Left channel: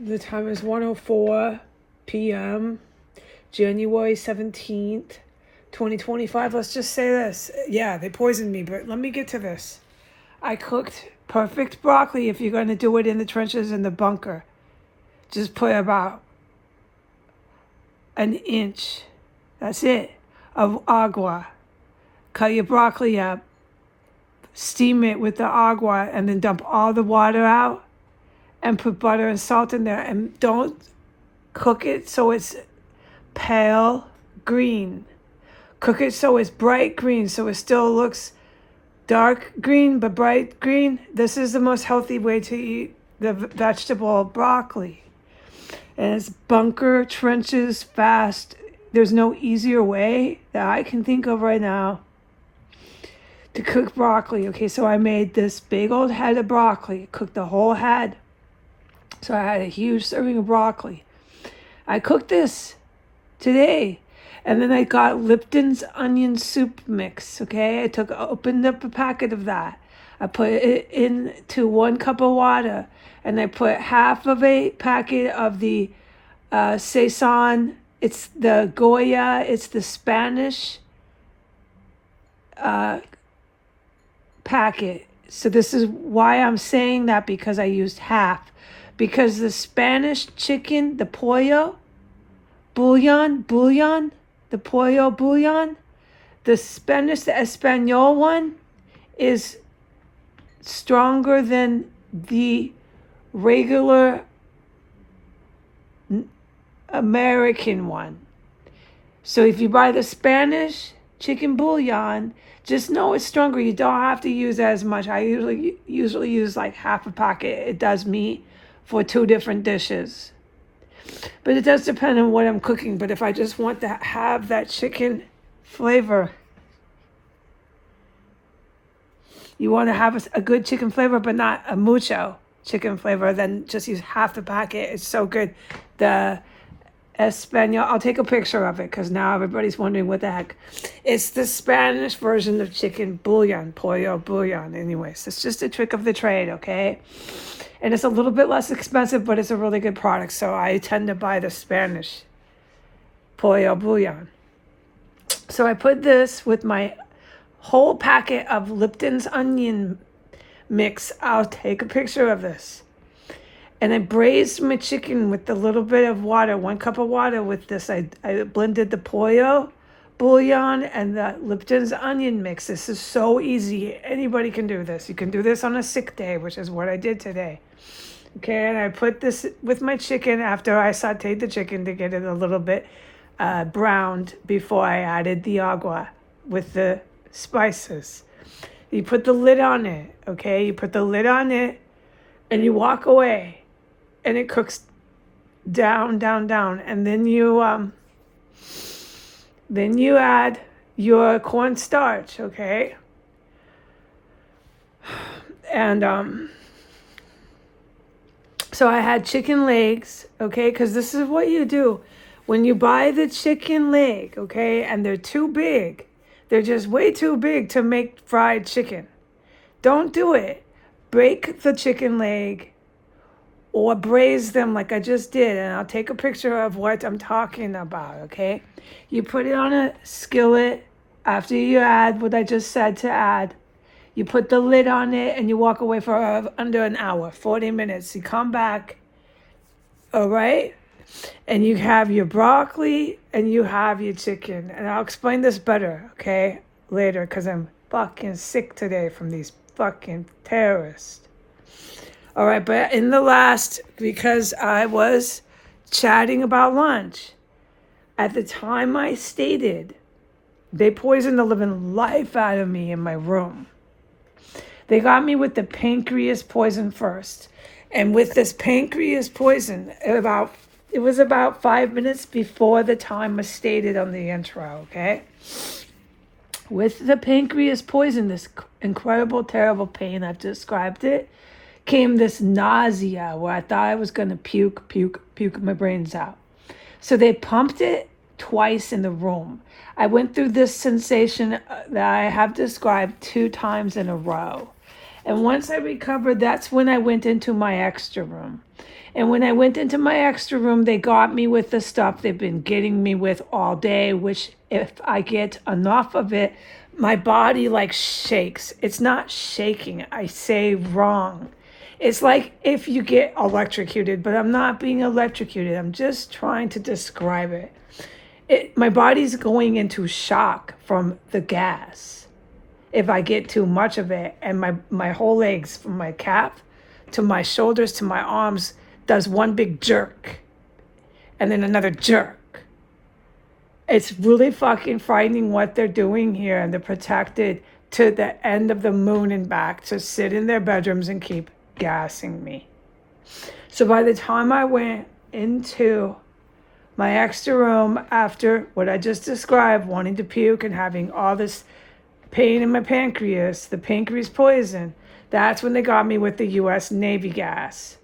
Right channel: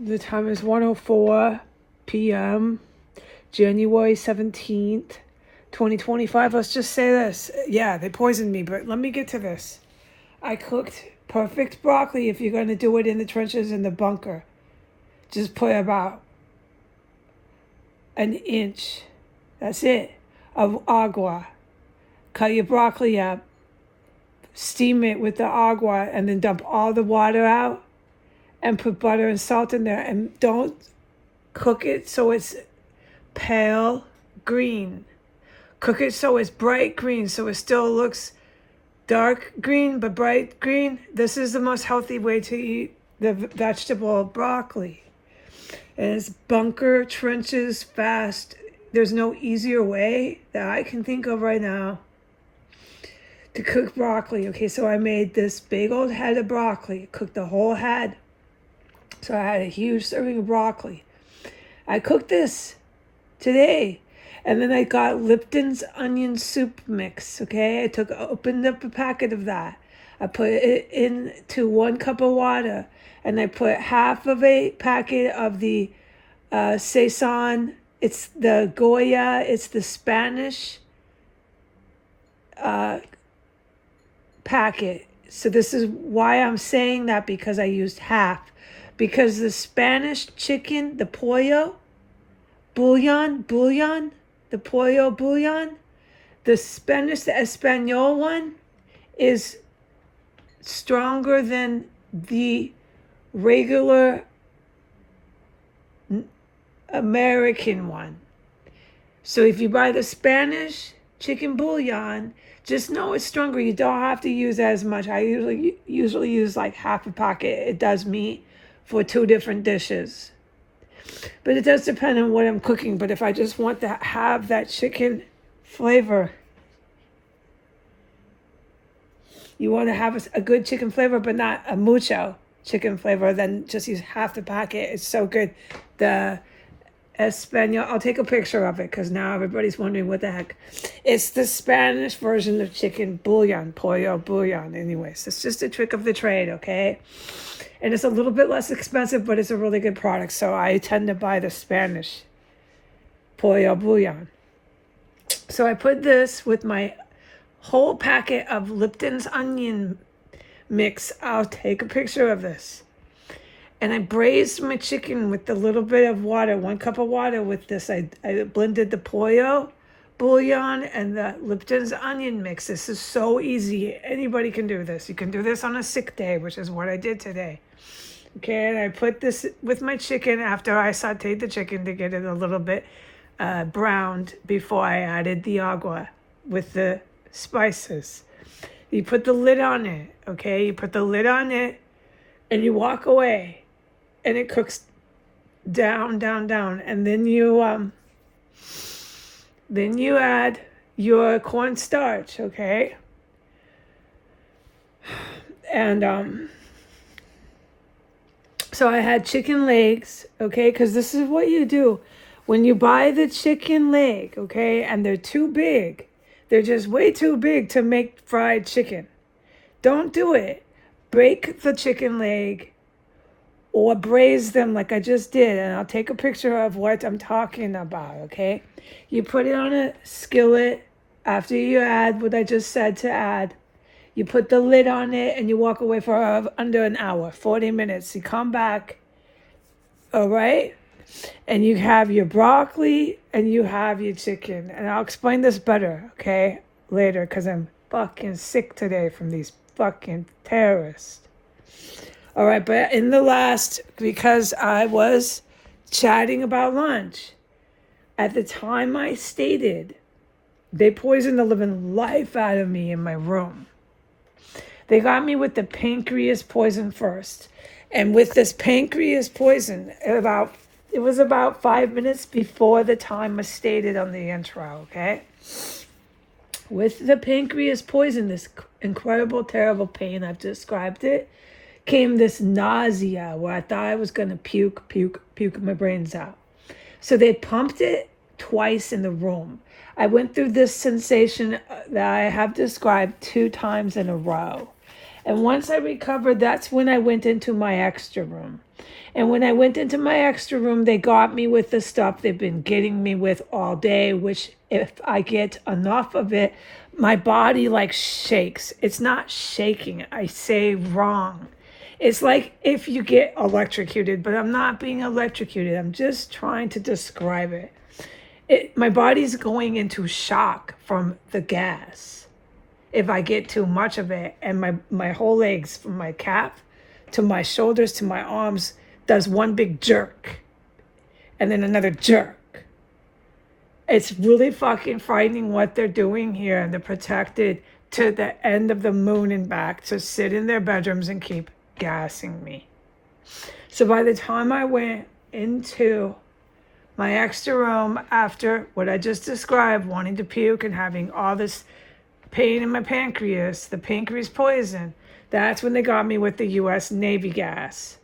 The time is 1:04 p.m. January 17th, 2025. Let's just say this. Yeah, they poisoned me, but let me get to this. I cooked perfect broccoli if you're going to do it in the trenches in the bunker. Just put about an inch, that's it, of agua. Cut your broccoli up, steam it with the agua, and then dump all the water out and put butter and salt in there. And don't cook it so it's pale green. Cook it so it's bright green, so it still looks dark green but bright green. This is the most healthy way to eat the vegetable broccoli. And it's bunker, trenches, fast. There's no easier way that I can think of right now to cook broccoli. Okay, so I made this big old head of broccoli. Cooked the whole head. So I had a huge serving of broccoli. I cooked this today. And then I got Lipton's onion soup mix, okay? I opened up a packet of that. I put it into 1 cup of water. And I put half of a packet of the Saison. It's the Goya. It's the Spanish packet. So this is why I'm saying that, because I used half. Because the Spanish chicken, the pollo bouillon, the pollo bouillon, the Spanish, the Espanol one is stronger than the regular American one. So if you buy the Spanish chicken bouillon, just know it's stronger. You don't have to use as much. I usually use like half a packet. It does me for 2 different dishes. But it does depend on what I'm cooking. But if I just want to have that chicken flavor, you want to have a good chicken flavor, but not a mucho chicken flavor, then just use half the packet. It's so good. The Espanol, I'll take a picture of it because now everybody's wondering what the heck. It's the Spanish version of chicken bouillon, pollo bouillon. Anyways, it's just a trick of the trade, okay? And it's a little bit less expensive, but it's a really good product. So I tend to buy the Spanish pollo bouillon. So I put this with my whole packet of Lipton's onion mix. I'll take a picture of this. And I braised my chicken with a little bit of water, 1 cup of water with this. I blended the pollo bouillon and the Lipton's onion mix. This is so easy. Anybody can do this. You can do this on a sick day, which is what I did today. Okay, and I put this with my chicken after I sauteed the chicken to get it a little bit browned before I added the agua with the spices. You put the lid on it, okay? You put the lid on it and you walk away and it cooks down. And then you add your cornstarch, okay? And so I had chicken legs, okay? Because this is what you do. When you buy the chicken leg, okay, and they're too big, they're just way too big to make fried chicken. Don't do it. Break the chicken leg or braise them like I just did. And I'll take a picture of what I'm talking about, okay? You put it on a skillet after you add what I just said to add. You put the lid on it and you walk away for under an hour, 40 minutes. You come back, all right? And you have your broccoli and you have your chicken. And I'll explain this better, okay, later, because I'm fucking sick today from these fucking terrorists. All right, but in the last, because I was chatting about lunch, at the time I stated, they poisoned the living life out of me in my room. They got me with the pancreas poison first. And with this pancreas poison, it was about 5 minutes before the time was stated on the intro, okay? With the pancreas poison, this incredible, terrible pain, I've described it, came this nausea where I thought I was going to puke my brains out. So they pumped it twice in the room. I went through this sensation that I have described 2 times in a row. And once I recovered, that's when I went into my extra room. And when I went into my extra room, they got me with the stuff they've been getting me with all day, which if I get enough of it, my body like shakes. It's not shaking. I say wrong. It's like if you get electrocuted, but I'm not being electrocuted. I'm just trying to describe it. My body's going into shock from the gas if I get too much of it. And my whole legs, from my calf to my shoulders to my arms, does one big jerk and then another jerk. It's really fucking frightening what they're doing here, and they're protected to the end of the moon and back to sit in their bedrooms and keep gassing me. So by the time I went into my extra room after what I just described, wanting to puke and having all this pain in my pancreas, the pancreas poison, that's when they got me with the U.S. Navy gas.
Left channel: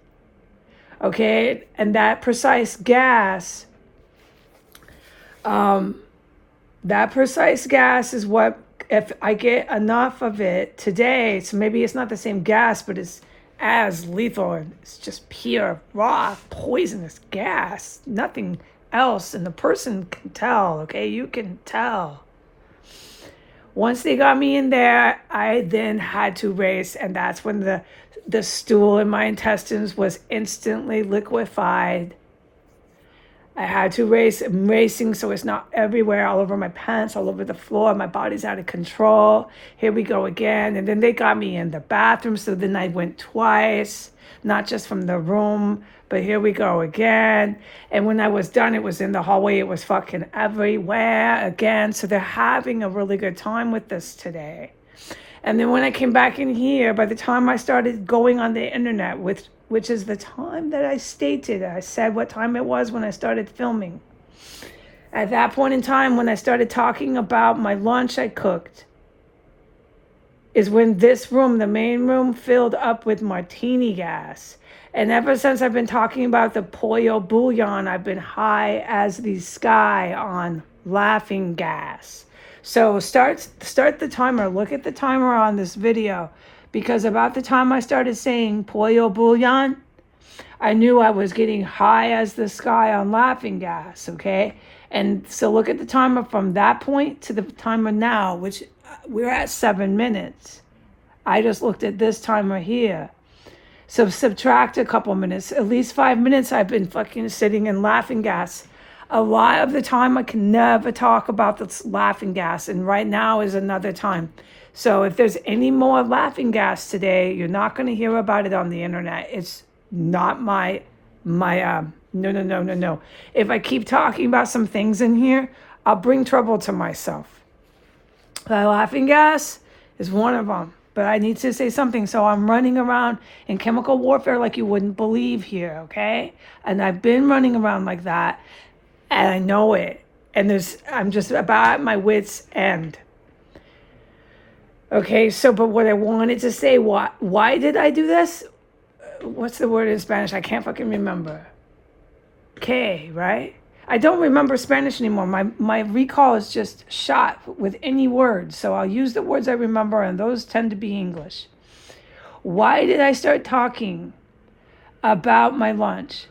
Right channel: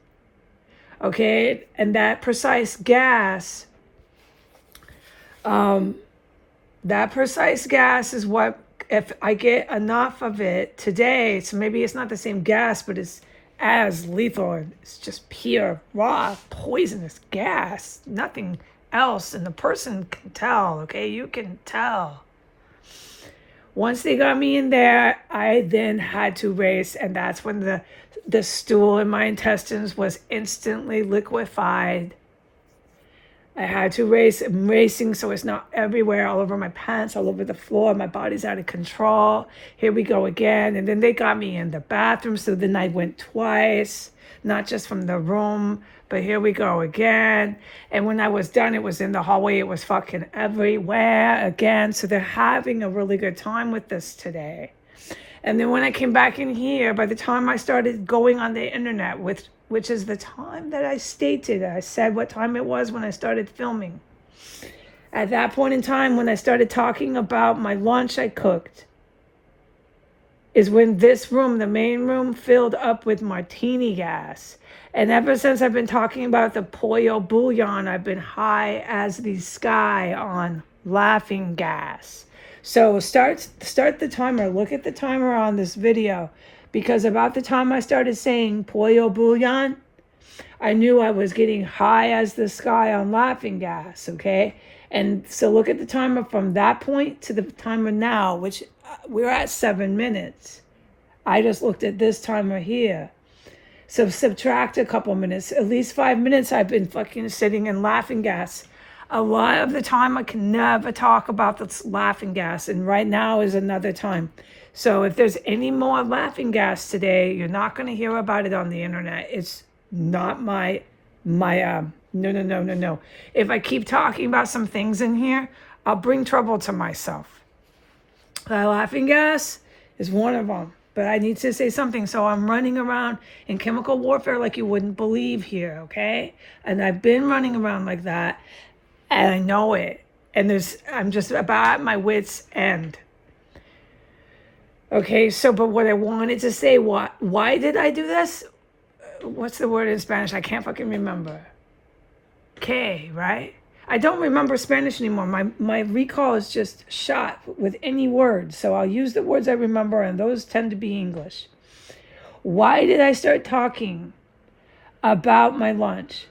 Okay, and that precise gas, is what, if I get enough of it today, so maybe it's not the same gas, but it's as lethal. It's just pure, raw, poisonous gas. Nothing else, and the person can tell, okay? You can tell. Once they got me in there, I then had to race, and that's when the stool in my intestines was instantly liquefied. I had to race. I'm racing, so it's not everywhere, all over my pants, all over the floor. My body's out of control. Here we go again. And then they got me in the bathroom, so then I went twice, not just from the room, but here we go again. And when I was done, it was in the hallway. It was fucking everywhere again. So they're having a really good time with this today. And then when I came back in here, by the time I started going on the internet, which is the time that I stated, I said what time it was when I started filming. At that point in time, when I started talking about my lunch I cooked, is when this room, the main room, filled up with martini gas. And ever since I've been talking about the pollo bouillon, I've been high as the sky on laughing gas. So start the timer. Look at the timer on this video, because about the time I started saying pollo bouillon, I knew I was getting high as the sky on laughing gas, okay? And so look at the timer from that point to the timer now, which we're at 7 minutes. I just looked at this timer here. So subtract a couple minutes, at least 5 minutes I've been fucking sitting in laughing gas. A lot of the time I can never talk about this laughing gas, and right now is another time. So if there's any more laughing gas today, you're not going to hear about it on the internet. It's not no. If I keep talking about some things in here, I'll bring trouble to myself. The laughing gas is one of them. But I need to say something, so I'm running around in chemical warfare like you wouldn't believe here, okay? And I've been running around like that, and I know it. And I'm just about at my wit's end. Okay, so, but what I wanted to say, why did I do this? What's the word in Spanish? I can't fucking remember. Okay, right? I don't remember Spanish anymore. My recall is just shot with any words. So I'll use the words I remember, and those tend to be English. Why did I start talking about my lunch?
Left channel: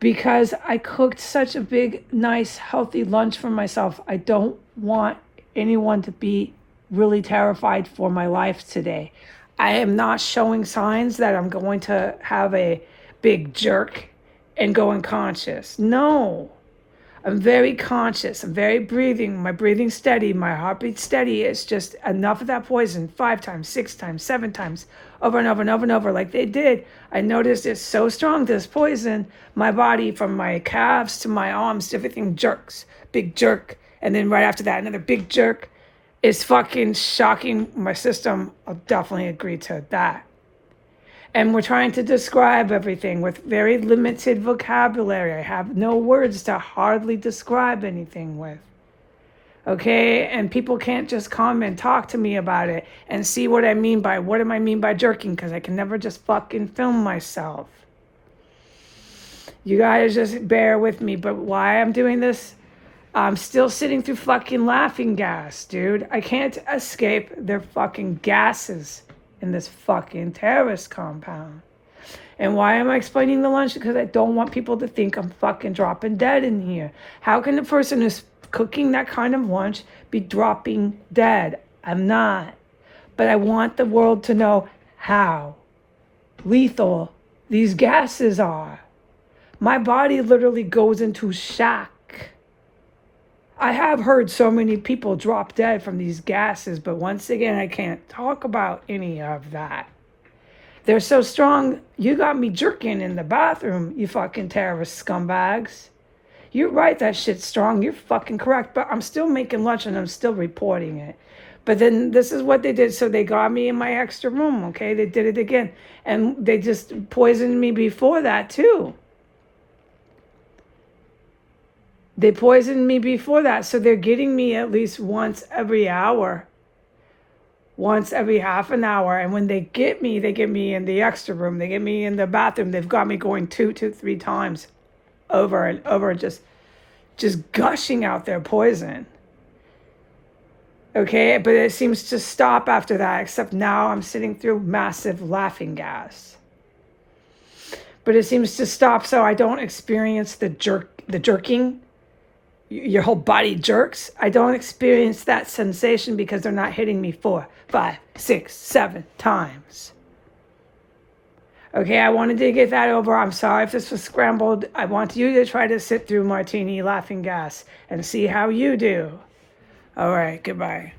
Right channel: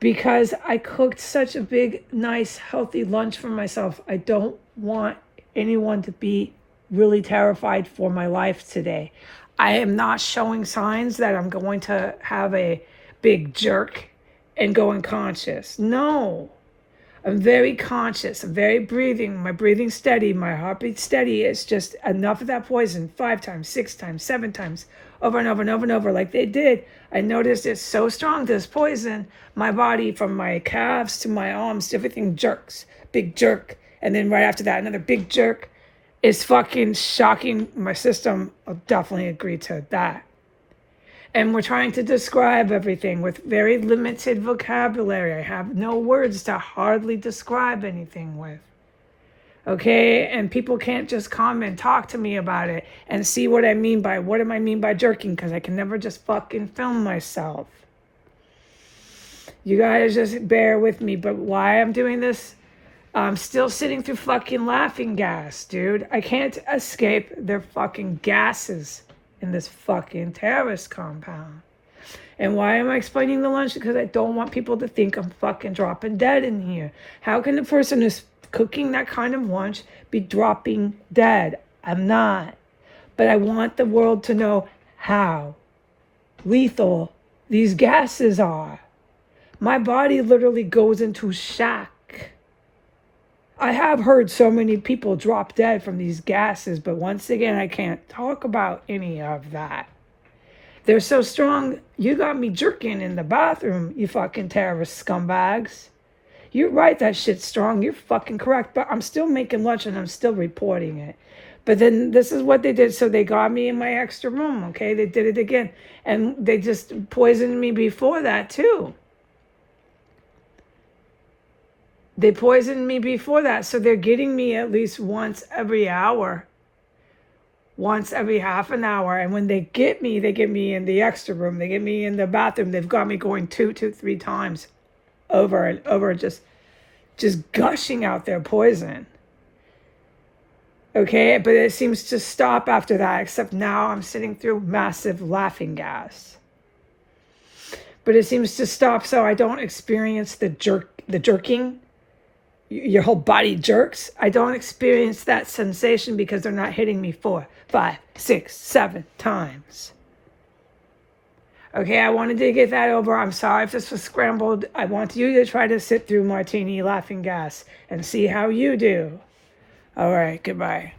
Because I cooked such a big, nice, healthy lunch for myself. I don't want anyone to be really terrified for my life today. I am not showing signs that I'm going to have a big jerk and go unconscious. No, I'm very conscious. I'm very breathing. My breathing steady. My heartbeat steady. It's just enough of that poison 5 times, 6 times, 7 times, over and over and over and over like they did. I noticed it's so strong, this poison. My body, from my calves to my arms, everything jerks. Big jerk. And then right after that, another big jerk. It's fucking shocking my system. I'll definitely agree to that. And we're trying to describe everything with very limited vocabulary. I have no words to hardly describe anything with. Okay? And people can't just come and talk to me about it and see what I mean by, what do I mean by jerking? Because I can never just fucking film myself. You guys just bear with me. But why I'm doing this? I'm still sitting through fucking laughing gas, dude. I can't escape their fucking gases in this fucking terrorist compound. And why am I explaining the lunch? Because I don't want people to think I'm fucking dropping dead in here. How can the person who's cooking that kind of lunch be dropping dead? I'm not. But I want the world to know how lethal these gases are. My body literally goes into shock. I have heard so many people drop dead from these gases, but once again, I can't talk about any of that. They're so strong, you got me jerking in the bathroom, you fucking terrorist scumbags. You're right, that shit's strong. You're fucking correct. But I'm still making lunch and I'm still reporting it. But then this is what they did. So they got me in my extra room, okay? They did it again. And they just poisoned me before that, too. They poisoned me before that. So they're getting me at least once every hour. Once every half an hour. And when they get me in the extra room. They get me in the bathroom. They've got me going 3 times over and over, just gushing out their poison. Okay, but it seems to stop after that, except now I'm sitting through massive laughing gas. But it seems to stop so I don't experience the jerking. Your whole body jerks. I don't experience that sensation because they're not hitting me 4, 5, 6, 7 times. Okay, I wanted to get that over. I'm sorry if this was scrambled. I want you to try to sit through martini laughing gas and see how you do. All right, goodbye.